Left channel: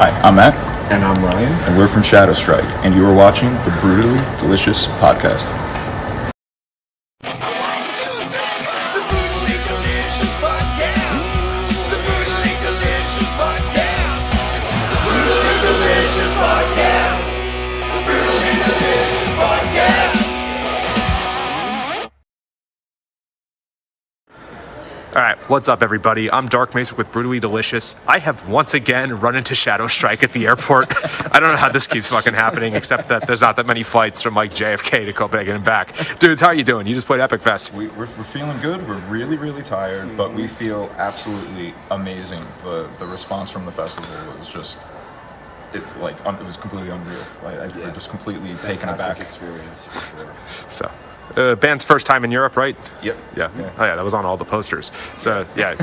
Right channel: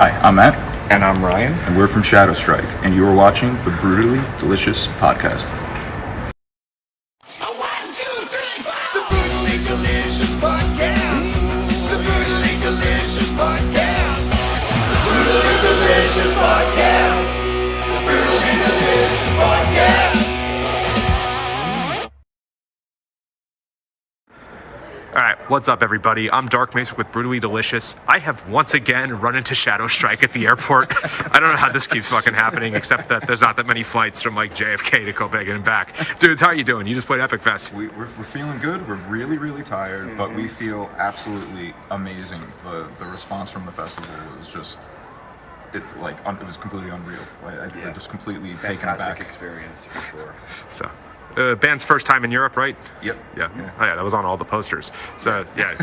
Hi, I'm Matt, And I'm Ryan. and we're from ShadowStrike, and you are watching the Brutally Delicious podcast. The Brutally Delicious Podcast. The Brutally Delicious Podcast. The Brutally Delicious Podcast. The Brutally Delicious Podcast. All right, what's up, everybody? I'm Dark Macek with Brutally Delicious. I have once again run into ShadowStrike at the airport. I don't know how this keeps fucking happening, except that there's not that many flights from like JFK to Copenhagen and back. Dudes, how are you doing? You just played Epic Fest. We're feeling good. We're really tired, but we feel absolutely amazing. The response from the festival was just it was completely unreal. We're just completely taken Fantastic aback. experience for sure. So, band's first time in Europe, right? Yep. Yeah. Oh yeah, that was on all the posters. So yeah,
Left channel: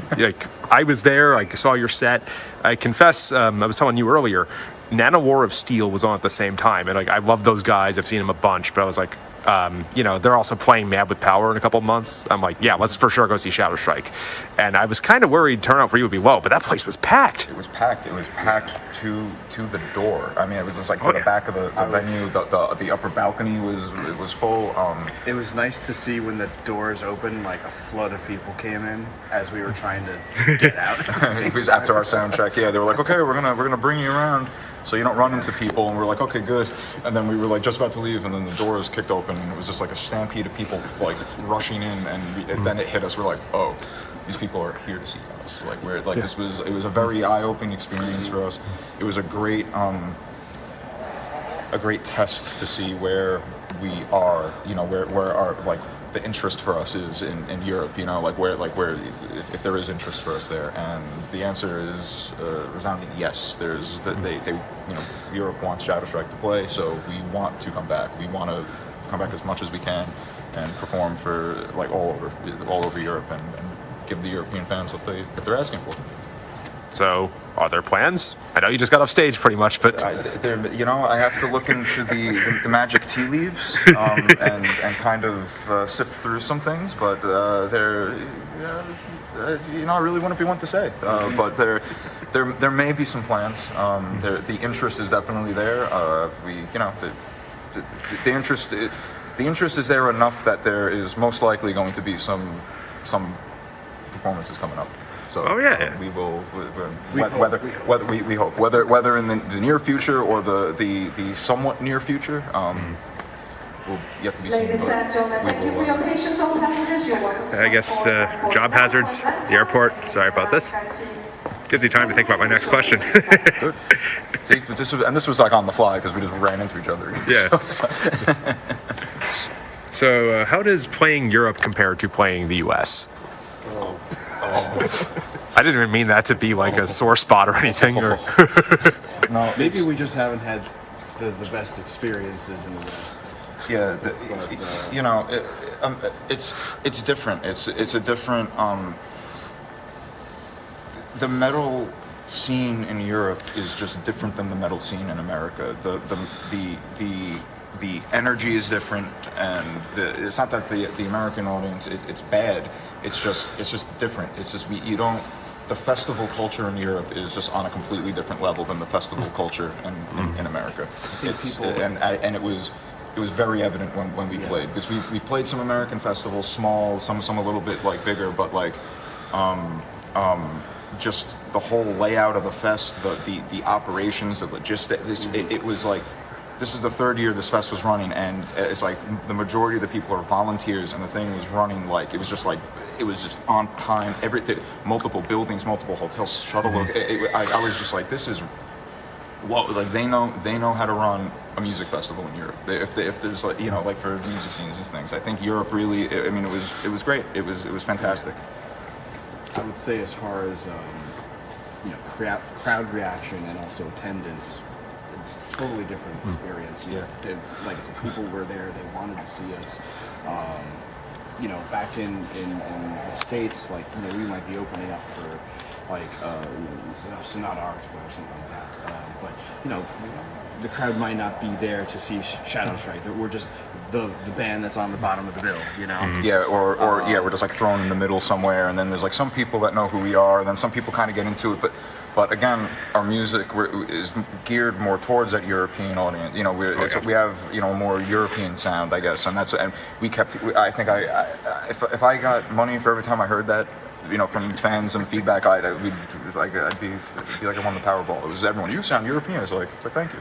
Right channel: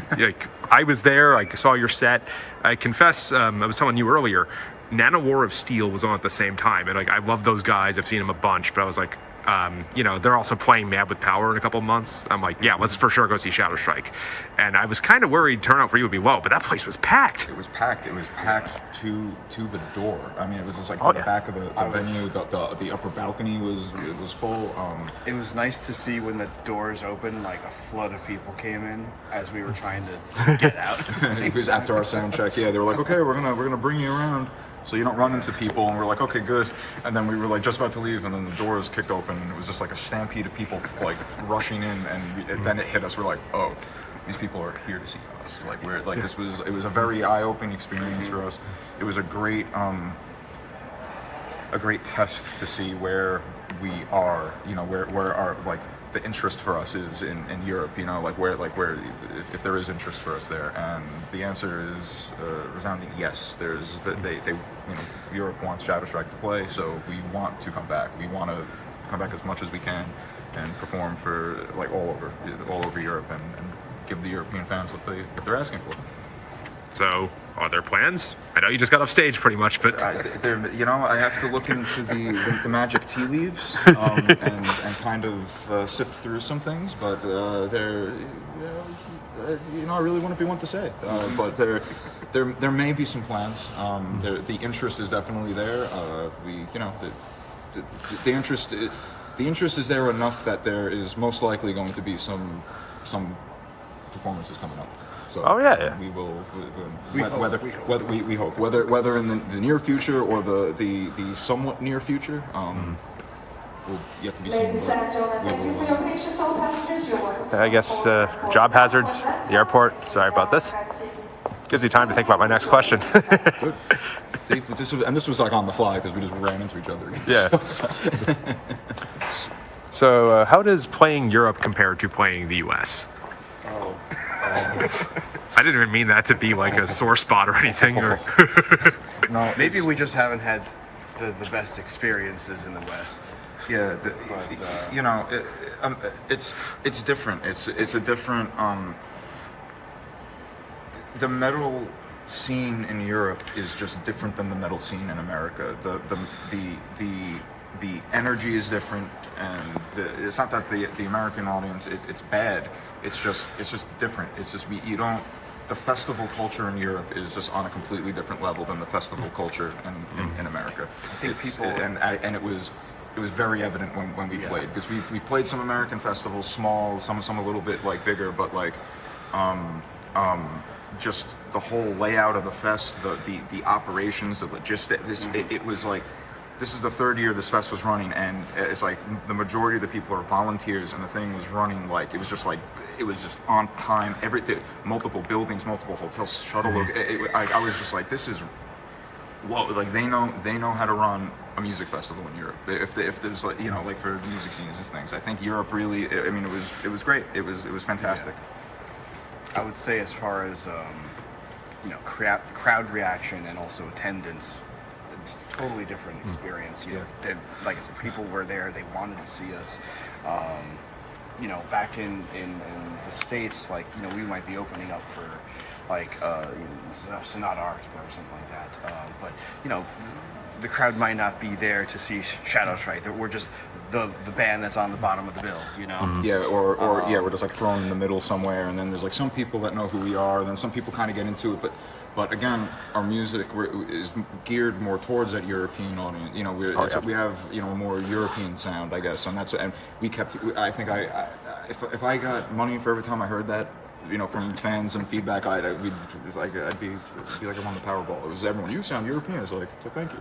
I was there. I saw your set. I confess, I was telling you earlier, Nano War of Steel was on at the same time, and I love those guys. I've seen them a bunch, but I was like, they're also playing Mad with Power in a couple of months. I'm like, yeah, let's for sure go see ShadowStrike. And I was kind of worried turnout for you would be low, but that place was packed. It was packed. It was packed to the door. I mean, it was just like to the back of the venue. The upper balcony was full. It was nice to see when the doors opened, like a flood of people came in as we were trying to get out. It was after our sound check. Yeah, they were like, okay, we're gonna bring you around so you don't run into people. And we're like, okay, good. And then we were like just about to leave, and then the doors kicked open, and it was just like a stampede of people like rushing in, and then it hit us. We're like, oh, these people are here to see us. Like it was a very eye-opening experience for us. It was a great test to see where we are. You know, where our like the interest for us is in Europe. You know, where if there is interest for us there, and the answer is resounding yes. Europe wants ShadowStrike to play, so we want to come back. We want to come back as much as we can and perform for like all over Europe and give the European fans what they're asking for. So, are there plans? I know you just got off stage pretty much, but I have to look into the magic tea leaves and kind of sift through some things, but I really wouldn't be one to say. But there may be some plans. The interest is definitely there. The interest is there enough that there is most likely going to be some performances coming up. So we will. We hope whether in the near future or the somewhat near future, will yet to be seen. Ladies and gentlemen, thank you for your patience, all passengers. You're welcome. I guess job hazards, the airport. Sorry about this. Gives you time to think about my next question. Good. See, this was like on the fly because we just ran into each other. Yeah. So, how does playing Europe compare to playing the U.S.? I didn't even mean that to be like a sore spot or anything. Or No, Maybe we just haven't had the best experiences in the West. yeah, it's different. It's a different. The metal scene in Europe is just different than the metal scene in America. The energy is different, and it's not that the American audience it's bad. It's just different. It's just the festival culture in Europe is just on a completely different level than the festival culture in America. I think It was very evident when we played, because we've played some American festivals, small, some a little bit like bigger, but like just the whole layout of the fest, the operations, the logistics. It was like, this is the third year this fest was running, and it's like the majority of the people are volunteers, and the thing was running like it was just on time. Everything, multiple buildings, multiple hotels, shuttle. I was just like, this is whoa! Like they know how to run a music festival in Europe. If there's like like for music scenes and things, I think Europe really. I mean, it was great. It was fantastic. I would say as far as crowd reaction and also attendance, it's a totally different experience. Like I said, people were there. They wanted to see us. Back in the States, like we might be opening up for like Sonata Art or something like that. But the crowd might not be there to see ShadowStrike. We're just the band that's on the bottom of the bill, Yeah, or we're just like thrown in the middle somewhere, and then there's like some people that know who we are, and then some people kind of get into it, but But again, our music is geared more towards that European audience. You know, we have a more European sound, I guess, and we kept. I think if I got money for every time I heard that, from fans and feedback, I'd be like I won the Powerball. It was everyone. You sound European. It's like thank you.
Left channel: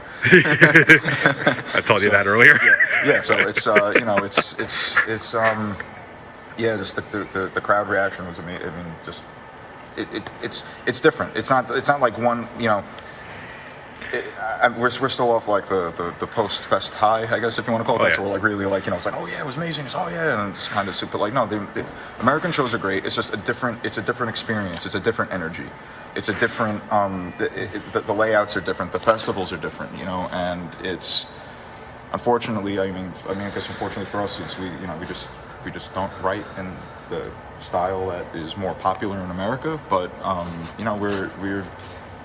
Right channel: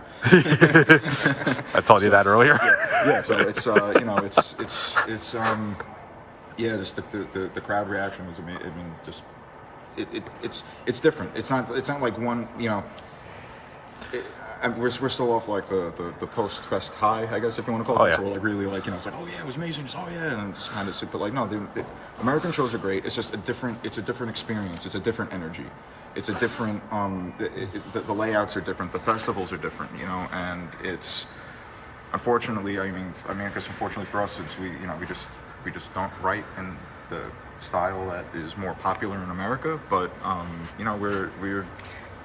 I told you that earlier. Yeah. So it's just the crowd reaction was amazing. I mean, just. It's different. It's not like one. We're still off like the post fest high, I guess, if you want to call it. Yeah. So we're like really like it's like it was amazing. It's and it's kind of super like no, the American shows are great. It's just a different experience. It's a different energy. It's a different the layouts are different. The festivals are different. And it's unfortunately. I guess unfortunately for us is we just don't write in the style that is more popular in America, but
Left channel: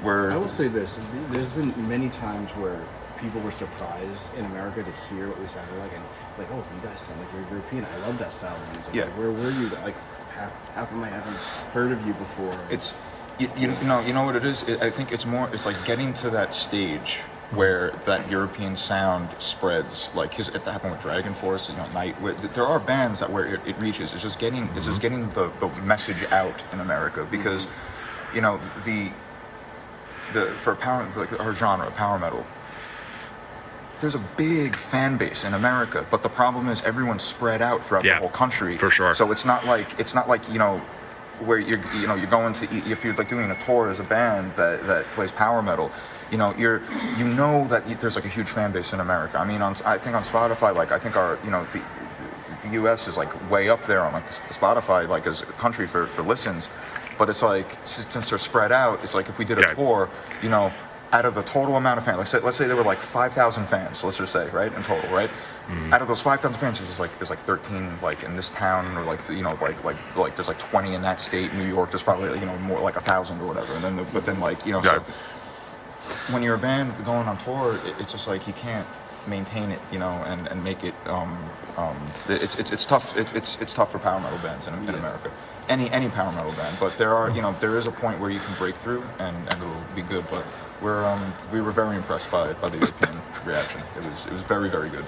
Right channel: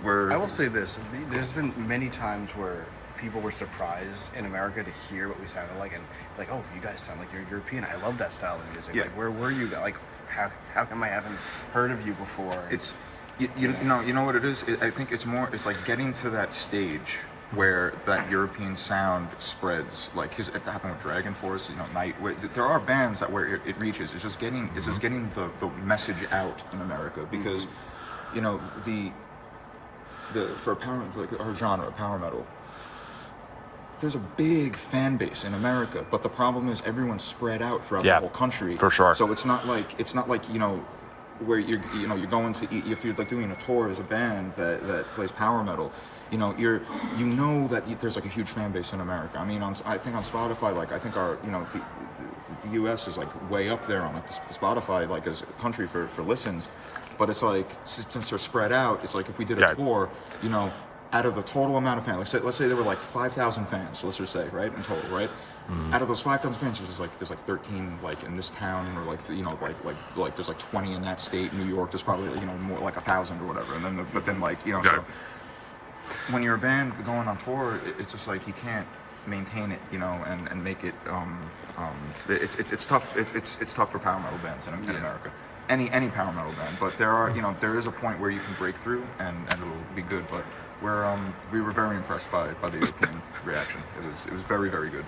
we're I will say this: there's been many times where people were surprised in America to hear what we sounded like, and like, oh, you guys sound like you're European. I love that style of music. Yeah. Like, where were you? Like, how come I haven't heard of you before? It's you know what it is. I think it's like getting to that stage where that European sound spreads, like it happened with Dragon Force, Night. There are bands that where it reaches. It's just getting the message out in America because, for power, like our genre, power metal. There's a big fan base in America, but the problem is everyone's spread out throughout the whole country. For sure. So it's not like where you're going to if you're like doing a tour as a band that plays power metal. That there's like a huge fan base in America. I mean, I think on Spotify, like I think our the U.S. is like way up there on like the Spotify like as a country for listens, but it's like since they're spread out, it's like if we did a tour, out of the total amount of fans, let's say there were like 5,000 fans, let's just say, right, in total, right? Out of those 5,000 fans, there's like 13 like in this town, or like like there's like 20 in that state. New York, there's probably more like 1,000 or whatever, and then so. When you're a band going on tour, it's just like you can't maintain it, and make it. It's tough. It's tough for power metal bands in America. Any power metal band, but there is a point where you can break through and it'll be good. But we were very impressed by the European reaction. It was very, very good.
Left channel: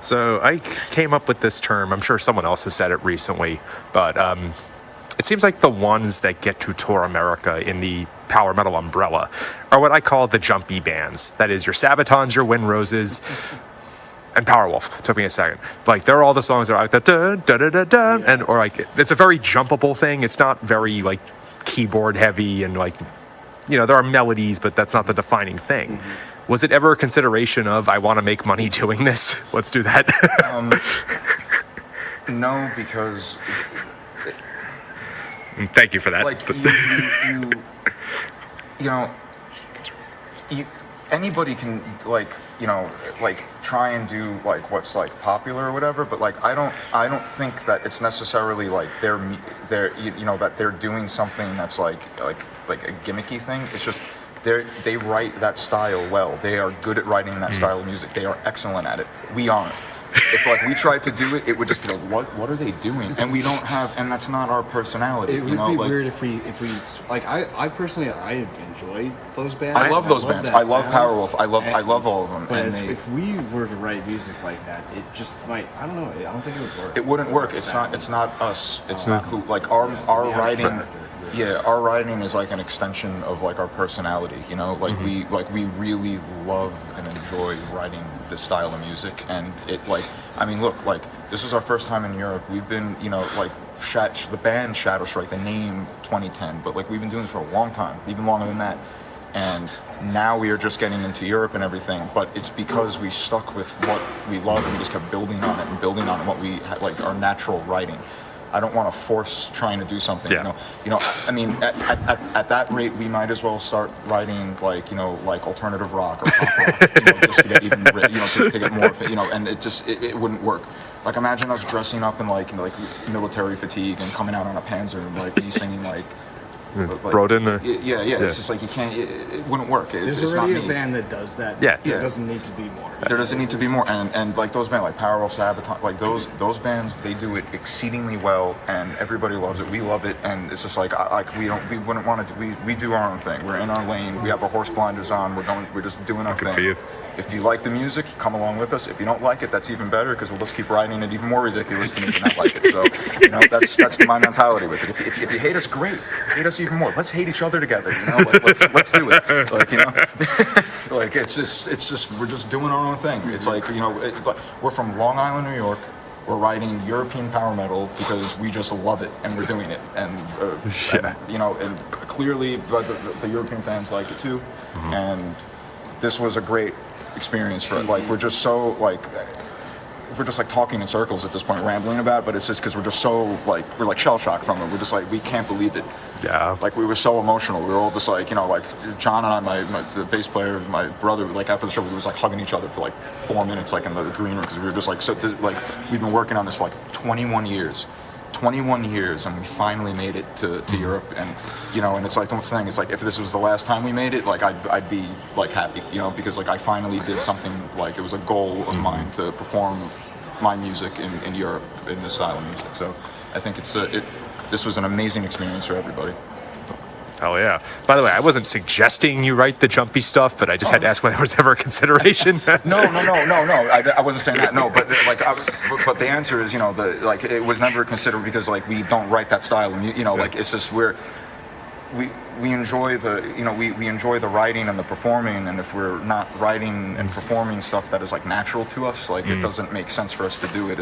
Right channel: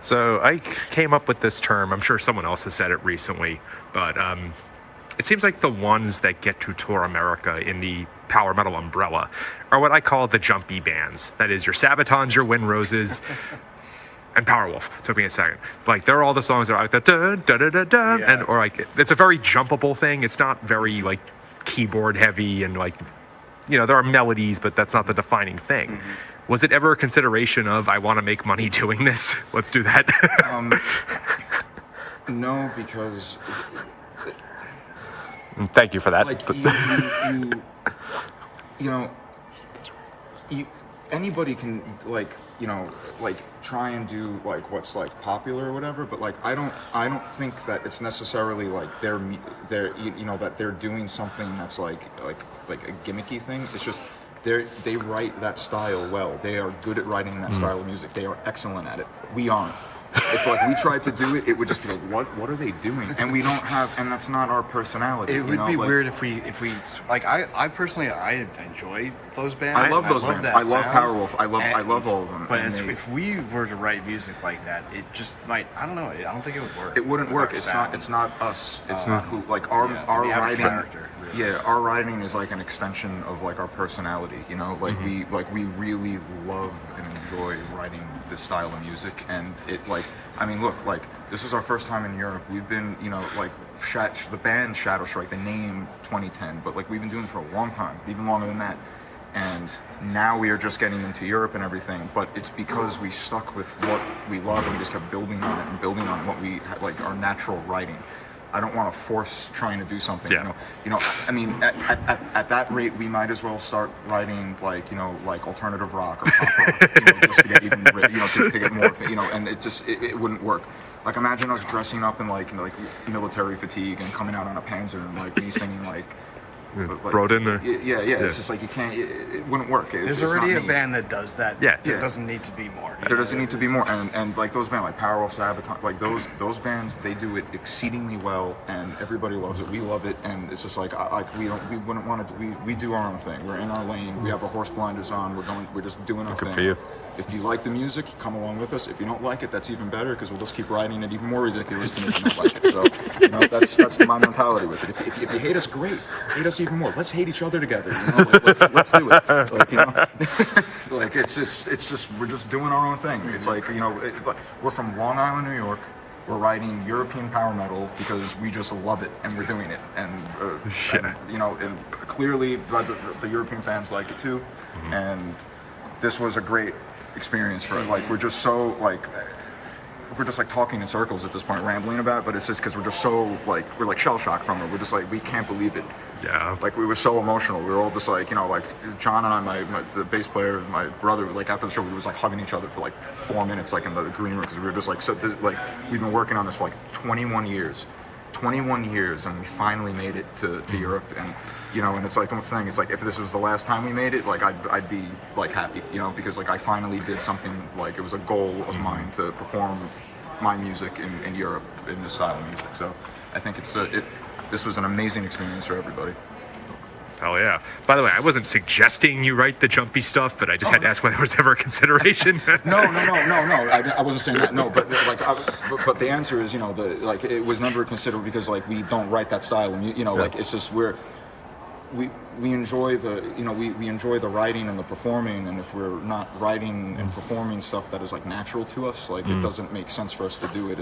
So I came up with this term. I'm sure someone else has said it recently, but it seems like the ones that get to tour America in the power metal umbrella are what I call the jumpy bands. That is your Sabatons, your Wind Roses, and Powerwolf. Took me a second. Like they're all the songs that are like the da da da da da, and or like it's a very jumpable thing. It's not very like keyboard heavy and like there are melodies, but that's not the defining thing. Mm-hmm. Was it ever a consideration of I want to make money doing this? Let's do that. No, because. Thank you for that. Like anybody can try and do like what's like popular or whatever, but like I don't think that it's necessarily like they're that they're doing something that's like a gimmicky thing. It's just they write that style well. They are good at writing that style of music. They are excellent at it. We aren't. If like we tried to do it, it would just be like, what are they doing? And we don't have, and that's not our personality. It would be weird if we like. I personally enjoy those bands. I love those bands. I love Powerwolf. I love all of them. But if we were to write music like that, it just might. I don't know. I don't think it would work. It wouldn't work. It's not us. It's not who. Like our writing. Really. Yeah, our writing is like an extension of like our personality. We really love and enjoy writing this style of music, and it look, this is our first time in Europe. We've been, the band ShadowStrike, the name 2010, but we've been doing it for a long time, even longer than that. And now we are just getting into Europe and everything, but it's because we stuck with what we love and we just kept building on it what we our natural writing. I don't want to force trying to do something. Yeah. I mean, at that rate, we might as well start writing like alternative rock or pop rock, just to get even, to get more, and it wouldn't work. Like imagine us dressing up in like military fatigue and coming out on a Panzer and me singing Broden or Yeah. It's just like you can't. It wouldn't work. There's it's already not a me. band that does that. Yeah. There doesn't need to be more. There doesn't need to be more, and like those bands like Powerwolf, Sabotage, like those bands, they do it exceedingly well, and everybody loves it. We love it, and it's just like we wouldn't want to. We do our own thing. We're in our lane. We have our horse blinders on. We're just doing our Good thing. for you. If you like the music, come along with us. If you don't like it, that's even better because we'll just keep writing it even more ridiculous to make you not like it. So that's my mentality with it. If you hate us, great. Hate us even more. Let's hate each other together. Like, let's do it. Like like it's just we're just doing our own thing. It's like we're from Long Island, New York. We're writing European power metal because we just love it and we're doing it. And and clearly the European fans like it too. And this was a great experience for we're just talking in circles at this point, rambling about, but it's just because we're just so we're like shell shocked from it. We're just we can't believe it. Yeah. Like we were so emotional. We were all just like John and I, the bass player, my brother, after the show, we was hugging each other for 4 minutes, in the green room, because we were just we've been working on this for 21 years. 21 years, and we finally made it to Europe, and and it's the thing. It's if this was the last time we made it, I'd be happy, because I finally did something. It was a goal of mine to perform my music in Europe in this style of music. So I think this was an amazing experience for everybody. Hell yeah. By the way, I wasn't suggesting you write the jumpy stuff, but I just had to ask whether there was ever a consideration. No. I wasn't saying that. No, but but the answer is, it was never considered because we don't write that style, and it's just we enjoy the we enjoy the writing and the performing, and if we're not writing and performing stuff that is natural to us, it doesn't make sense for us to do it.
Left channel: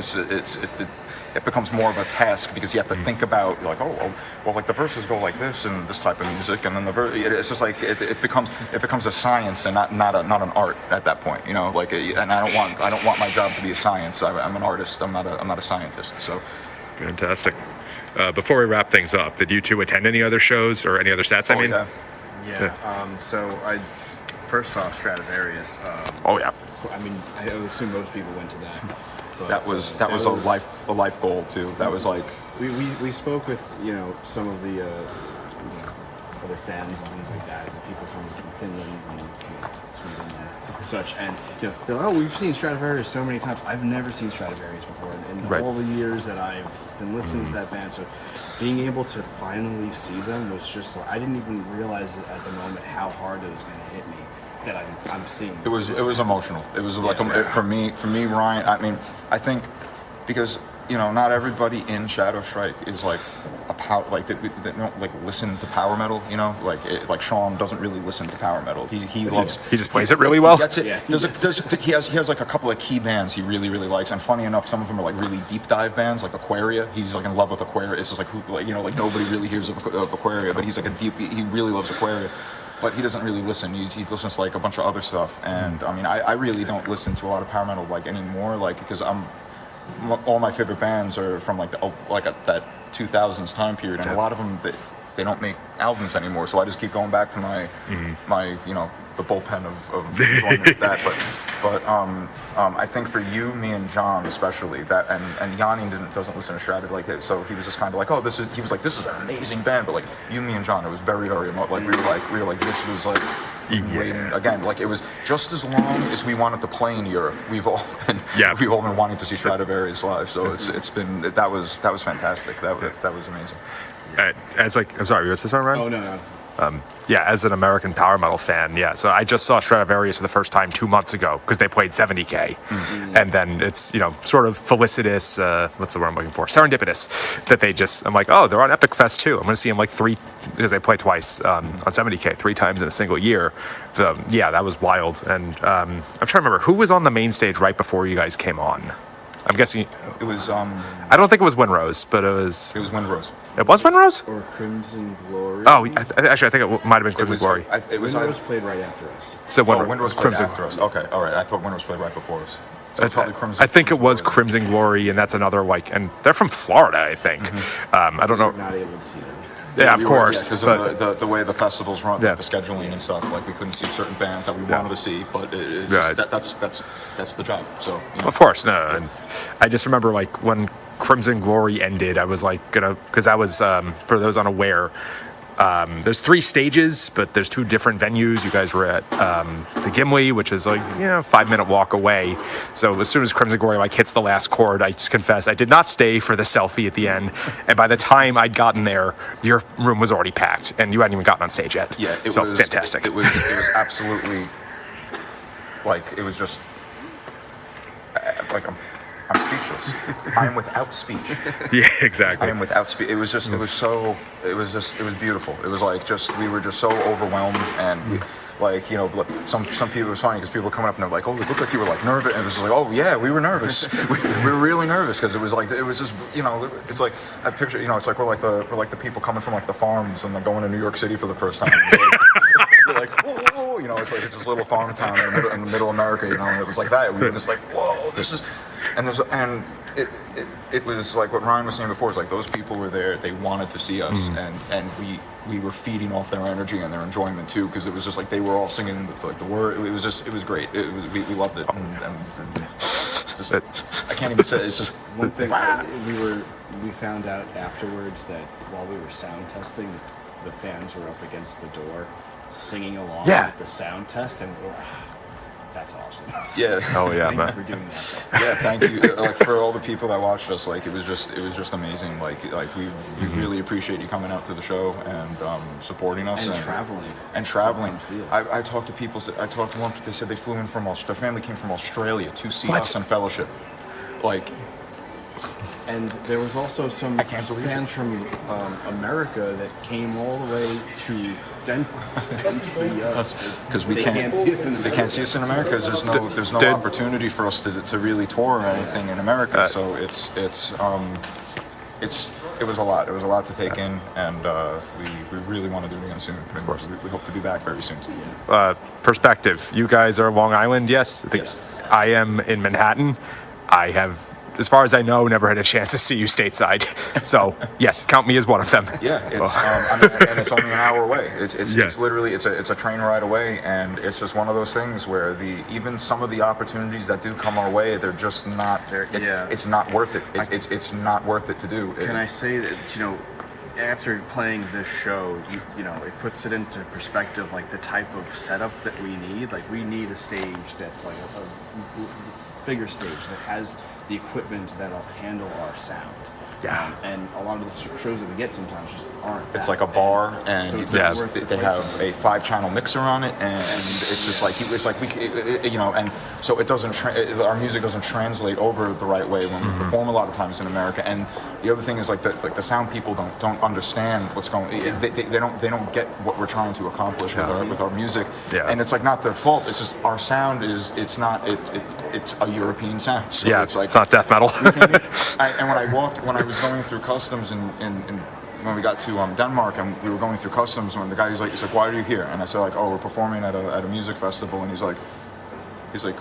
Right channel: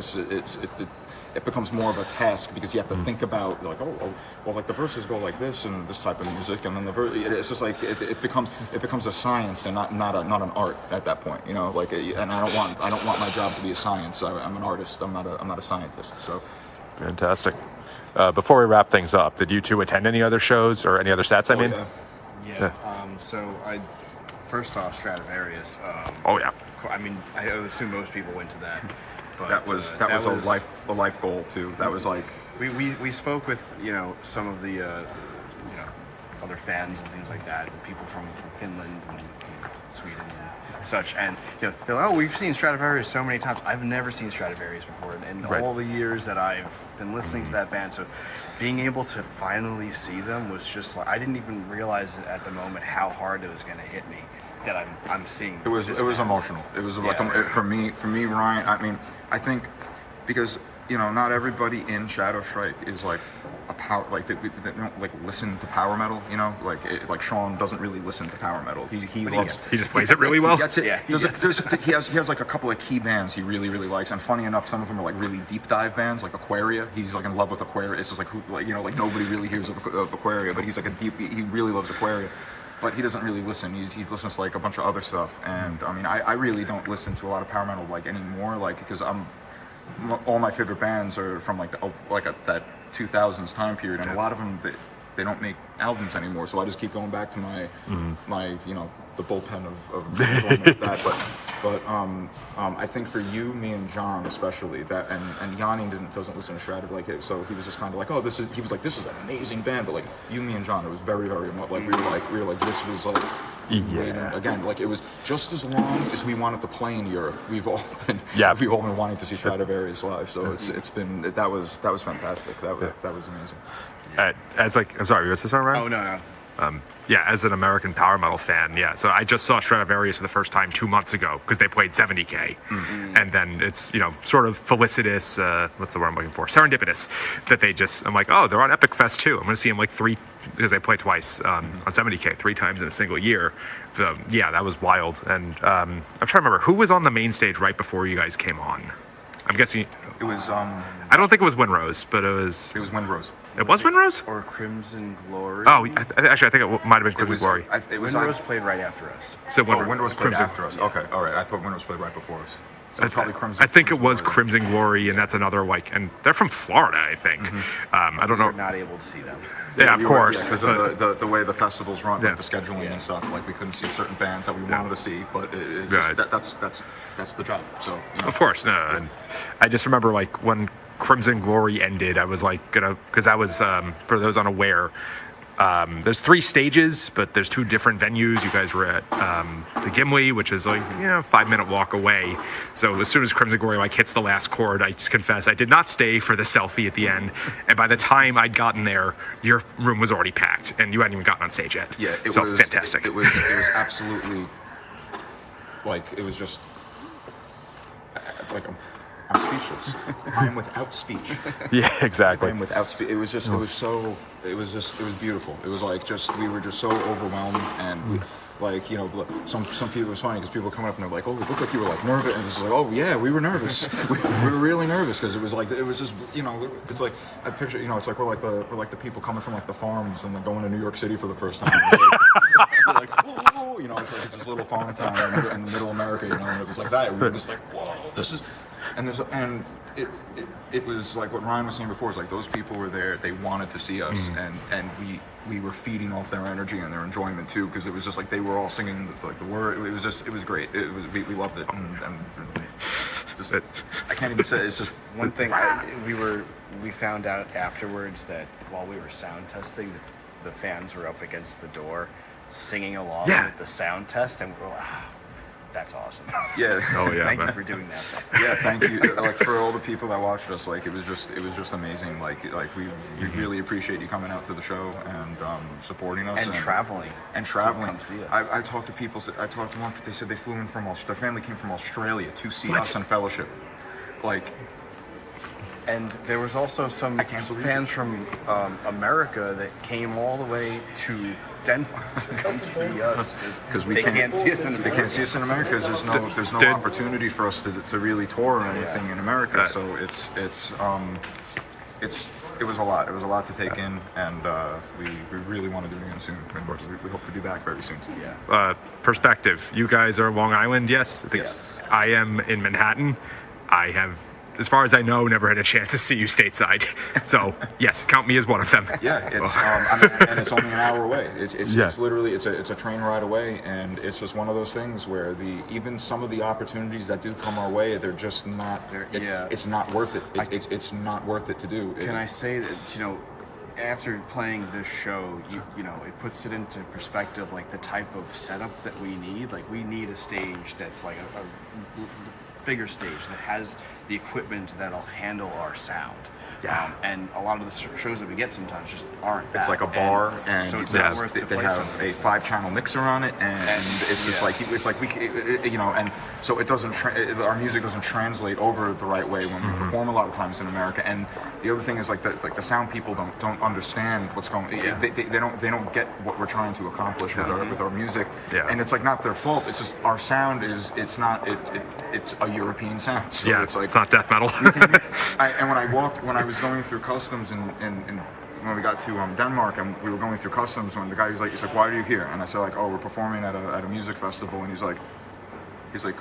It becomes more of a task because you have to think about the verses go like this and this type of music, and then it's just it becomes a science and not an art at that point, and I don't want my job to be a science. I'm an artist. I'm not a scientist. So Fantastic. Before we wrap things up, did you two attend any other shows or any other stats? So I first off Stradivarius. I mean, I assume most people went to that. But, that was a life goal too. That was we spoke with some of the other fans and things like that, and people from Finland and Sweden and such, and they're like, we've seen Stradivarius so many times. I've never seen Stradivarius before, and all the years that I've been listening to that band, so being able to finally see them was just I didn't even realize it at the moment how hard it was going to hit me. That I'm seeing. It was emotional. It was for me, Ryan. I mean, I think because not everybody in ShadowStrike is a power they don't listen to power metal. Sean doesn't really listen to power metal. He loves. He just plays it really well. He gets it. Yeah, he has a couple of key bands he really likes, and funny enough, some of them are really deep dive bands like Aquaria. He's in love with Aquaria. It's just nobody really hears of Aquaria, but he's he really loves Aquaria. But he doesn't really listen. He listens to a bunch of other stuff, and I mean, I really don't listen to a lot of power metal anymore, because all my favorite bands are from that 2000s time period, and a lot of them they don't make albums anymore. So I just keep going back to my the bullpen of enjoyment that. But I think for you, me, and John especially, that and Yanni doesn't listen to Shrouded so he was just kind of this is an amazing band, but you, me, and John, it was very we were like this was waiting again, it was just as long as we wanted to play in Europe. We've all been wanting to see Stradivarius live, so it's been that was fantastic. That was amazing. I'm sorry, what's this one, Ryan? Oh no. As an American power metal fan, so I just saw Stradivarius for the first time 2 months ago because they played 70K, and then it's sort of felicitous. What's the word I'm looking for? Serendipitous that I'm like, oh, they're on Epic Fest too. I'm going to see them because they play twice on 70K 3 times in a single year. So, that was wild. And I'm trying to remember who was on the main stage right before you guys came on. I'm guessing it was. I don't think it was Windrose, but it was. It was Windrose. It was Windrose? Or Crimson Glory. Oh, actually, I think it might have been Crimson Glory. Windrose played right after us. So Windrose played Crimson after us. Okay, all right. I thought Windrose played right before us. So probably Crimson. I think it was Crimson Glory, and that's another and they're from Florida, I think. I don't know. We were not able to see them. Yeah, of course. Because of the way the festivals run, the scheduling and stuff. We couldn't see certain bands that we wanted to see, but that's the job. So of course, no. And I just remember when Crimson Glory ended, I was because I was for those unaware, There's 3 stages, but there's 2 different venues. You guys were at the Gimli, which is like 5-minute walk away. So as soon as Crimson Glory like hits the last chord, I just confess I did not stay for the selfie at the end. And by the time I'd gotten there, your room was already packed, and you hadn't even gotten on stage yet. Yeah, it so was fantastic. It was absolutely like it was just like I'm speechless. I'm without speech. Yeah, exactly. I'm without speech. It was beautiful. It was like we were just so overwhelmed, and we, like, some people, it was funny because people were coming up and they're like, oh, it looked like you were like nervous, and it was like, oh yeah, we were nervous. we were really nervous because it was just it's like I picture it's like we're like the people coming from like the farms and they're going to New York City for the first time. We're like, whoa, it's like it's this little farm town in the middle of America, and it was like that. We were just like, whoa, this is, and it was like what Ryan was saying before. It's like those people were there, they wanted to see us, and we were feeding off their energy and their enjoyment too, because it was just like they were all singing like the word. It was great. We loved it. Just, I can't even say it's just one thing. We found out afterwards that while we were sound testing, the fans were up against the door, singing along with the sound test, and we're that's awesome. Yeah. Oh yeah. Thank you for doing that. Yeah, thank you. Like for all the people that watched us, like it was just amazing. Like we really appreciate you coming out to the show and supporting us And traveling. Come see us. I talked to people. I talked to one. They said they flew in from their family came from Australia to see us on Fellowship. Like. And there was also some fans from America that came all the way to Denmark to come see us because we can't see us in America. They can't see us in America because there's no opportunity for us to really tour or anything in America. So it was a lot. It was a lot to take in, and we really want to do it again soon. Of course, we hope to be back very soon too. Yeah. Perspective. You guys are Long Island, yes? Yes. I am in Manhattan. I have, as far as I know, never had a chance to see you stateside. So yes, count me as one of them. Yeah, it's and it's only an hour away. It's literally it's a train ride away, and it's just one of those things where even some of the opportunities that do come our way, they're just not. It's not worth it. It's not worth it to do. Can I say that after playing this show, it puts it into perspective, like the type of setup that we need. Like we need a stage that's like a bigger stage that has the equipment that'll handle our sound. Yeah. And a lot of the shows that we get sometimes just aren't that. It's like a bar, and so it's not worth to they play have something. a 5-channel mixer on it, and it's just like and so it doesn't. Our music doesn't translate over the right way when we perform a lot of times in America. And the other thing is like the sound people don't understand what's going. They don't get what we're trying to accomplish with our music. Yeah. And it's like not their fault. It's just our sound it's a European sound. So Yeah, it's like it's not death metal. and when I was going through customs and when we got to Denmark and we were going through customs, when the guy he's like, why are you here? And I said like, oh, we're performing at a music festival, and he's like,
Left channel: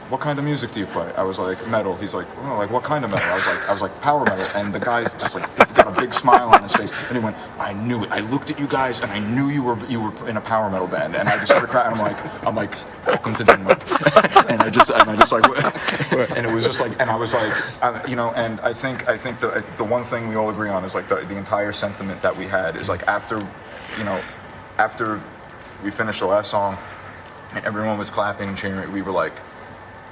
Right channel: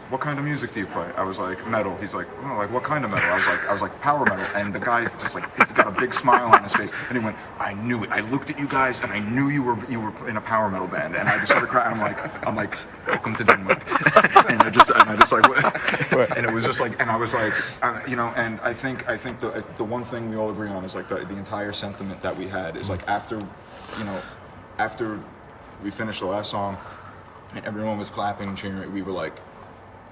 what kind of music do you play? I was like, metal. He's like, oh, like what kind of metal? I was like, power metal. And the guy just like got a big smile on his face, and he went, I knew it. I looked at you guys, and I knew you were in a power metal band. And I just started crying. I'm like, welcome to Denmark. and I just like, and it was just like, and I was like, and I think the one thing we all agree on is like the entire sentiment that we had is like after we finished the last song, and everyone was clapping and cheering, we were like,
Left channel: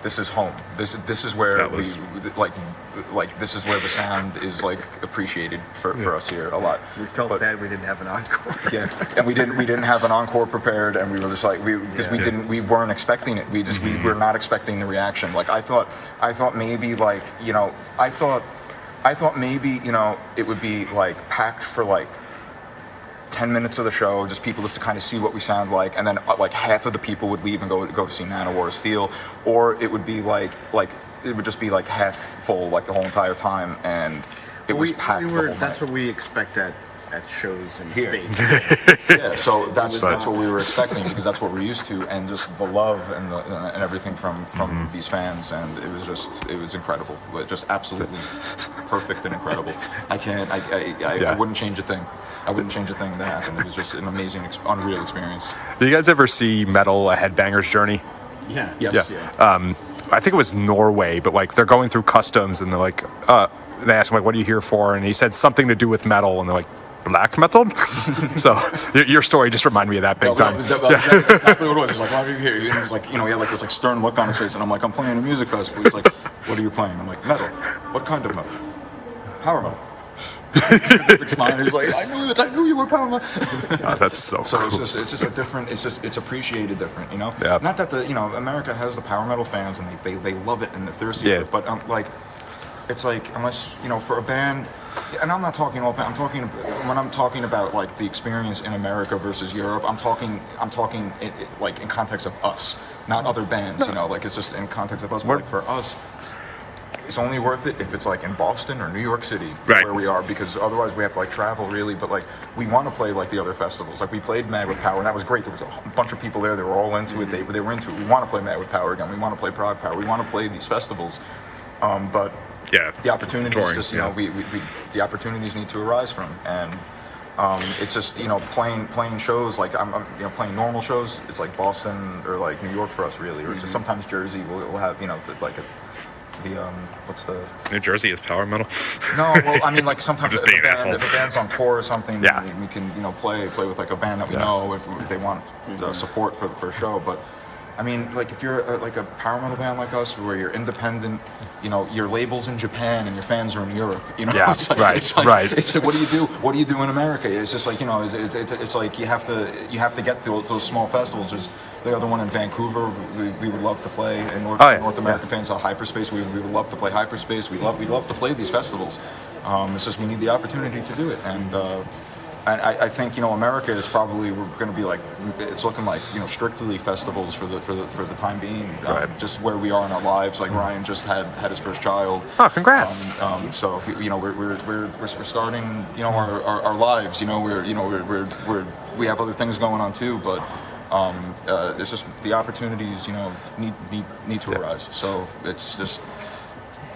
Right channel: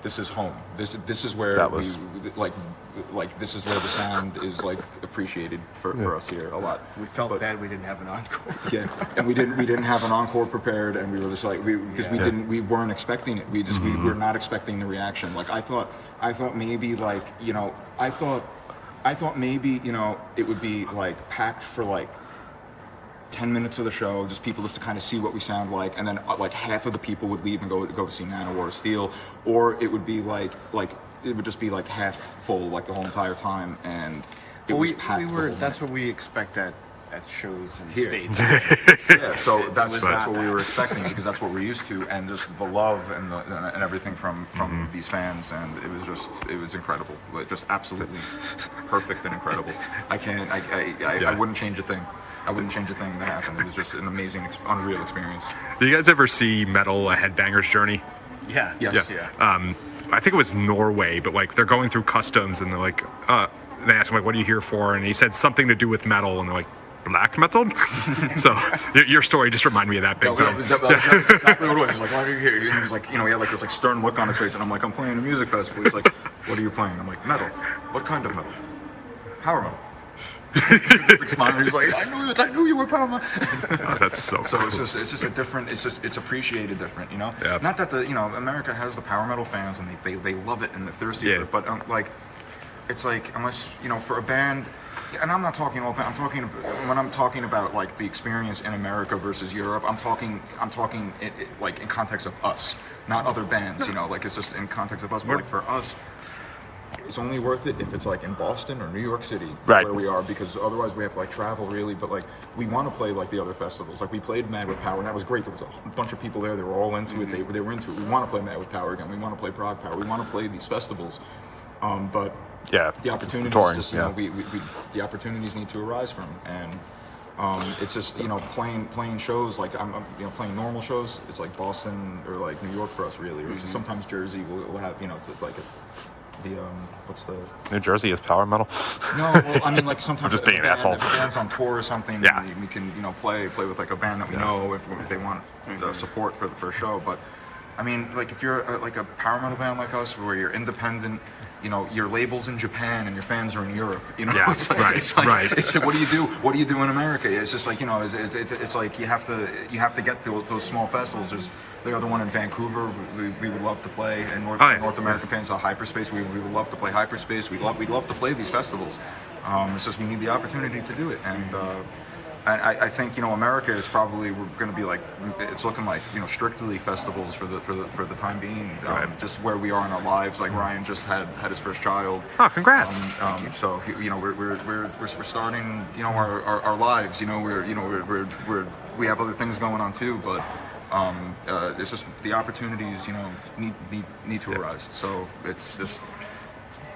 this is home. This is where this is where the sound is like appreciated for us here a lot. We felt bad we didn't have an encore. Yeah, and we didn't have an encore prepared, and we were just like we weren't expecting it. We were not expecting the reaction. Like I thought maybe like I thought maybe it would be like packed for like 10 minutes of the show, just people just to kind of see what we sound like, and then like half of the people would leave and go see Nanowar of Steel, or it would be like it would just be like half full like the whole entire time, and it was packed. That's what we expect at shows in the Here. States. Yeah, so that's what we were expecting, because that's what we're used to, and just the love and everything from these fans, and it was incredible, just absolutely perfect and incredible. I wouldn't change a thing. I wouldn't change a thing that happened. It was just an amazing, unreal experience. Do you guys ever see Metal: A Headbanger's Journey? Yeah. Yes. Yeah. I think it was Norway, but like they're going through customs and they're like, they asked him like, what are you here for? And he said something to do with metal, and they're like, black metal. So your story just reminded me of that big time. That's exactly what it was. He's like, why are you here? He was like, he had like this like stern look on his face, and I'm like, I'm playing a music festival. He's like, what are you playing? I'm like, metal. What kind of metal? Power metal. He's like, I knew you were power metal. Oh, that's so cool. So it's just a different. It's appreciated different. Yeah. Not that America has the power metal fans and they love it and they're thirsty for it, but like. It's like, unless, for a band, and I'm not talking when I'm talking about like the experience in America versus Europe, I'm talking like in context of us, not other bands, like it's just in context of us, but like for us, it's only worth it if it's like in Boston or New York City, where we are, because otherwise we have to like travel really, but like we want to play like the other festivals. Like we played Mad with Power and that was great. There was a bunch of people there, they were all into it, they were into it. We want to play Mad with Power again, we want to play Prague Power, we want to play these festivals, but the opportunities just we the opportunities need to arise from, and it's just playing shows like I'm playing normal shows. It's like Boston or like New York for us really, or just sometimes Jersey. We'll have what's the New Jersey is power metal. No, well I mean like sometimes I'm just being an asshole. If a band's on tour or something, we can play with like a band that we know if they want the support for the first show, but. I mean, like if you're like a power metal band like us, where you're independent, your label's in Japan and your fans are in Europe. Yeah, it's like, right. It's like, what do you do? What do you do in America? It's just like it's like you have to get those small festivals. There's the other one in Vancouver. We would love to play, and North American fans are Hyperspace. We would love to play Hyperspace. We'd love to play these festivals. It's just we need the opportunity to do it, and I think America is probably going to be like it's looking like strictly festivals for the time being, just where we are in our lives. Like Ryan just had his first child. Oh, congrats! So we're starting our lives. We have other things going on too, but it's just the opportunities need to arise. So it's just.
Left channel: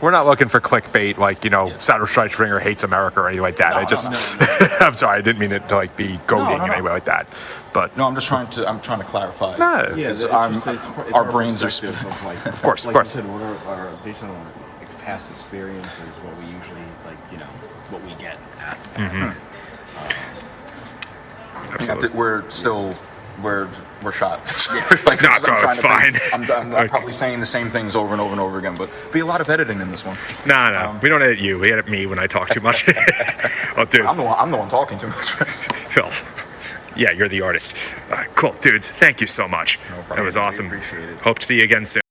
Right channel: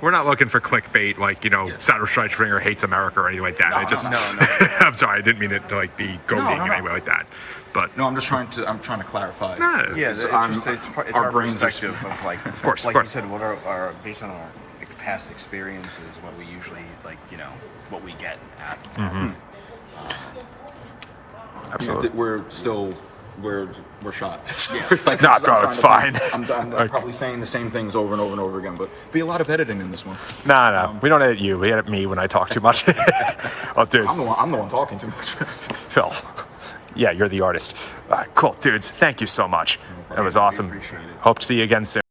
We're not looking for clickbait like, ShadowStrike Stringer hates America or anything like that. No. I'm sorry, I didn't mean it to like be goading in any way like that. But no, I'm trying to clarify. It's our our brains perspective of like, of course, like you said, what are our based on our past experiences, what we usually what we get at. Absolutely. We're shot. Like, no, bro, it's fine. I'm probably saying the same things over and over and over again, but be a lot of editing in this one. No, we don't edit you. We edit me when I talk too much. Oh, dudes. I'm the one talking too much. Phil. Yeah, you're the artist. All right, cool. Dudes, thank you so much. It was awesome. Appreciate it. Hope to see you again soon.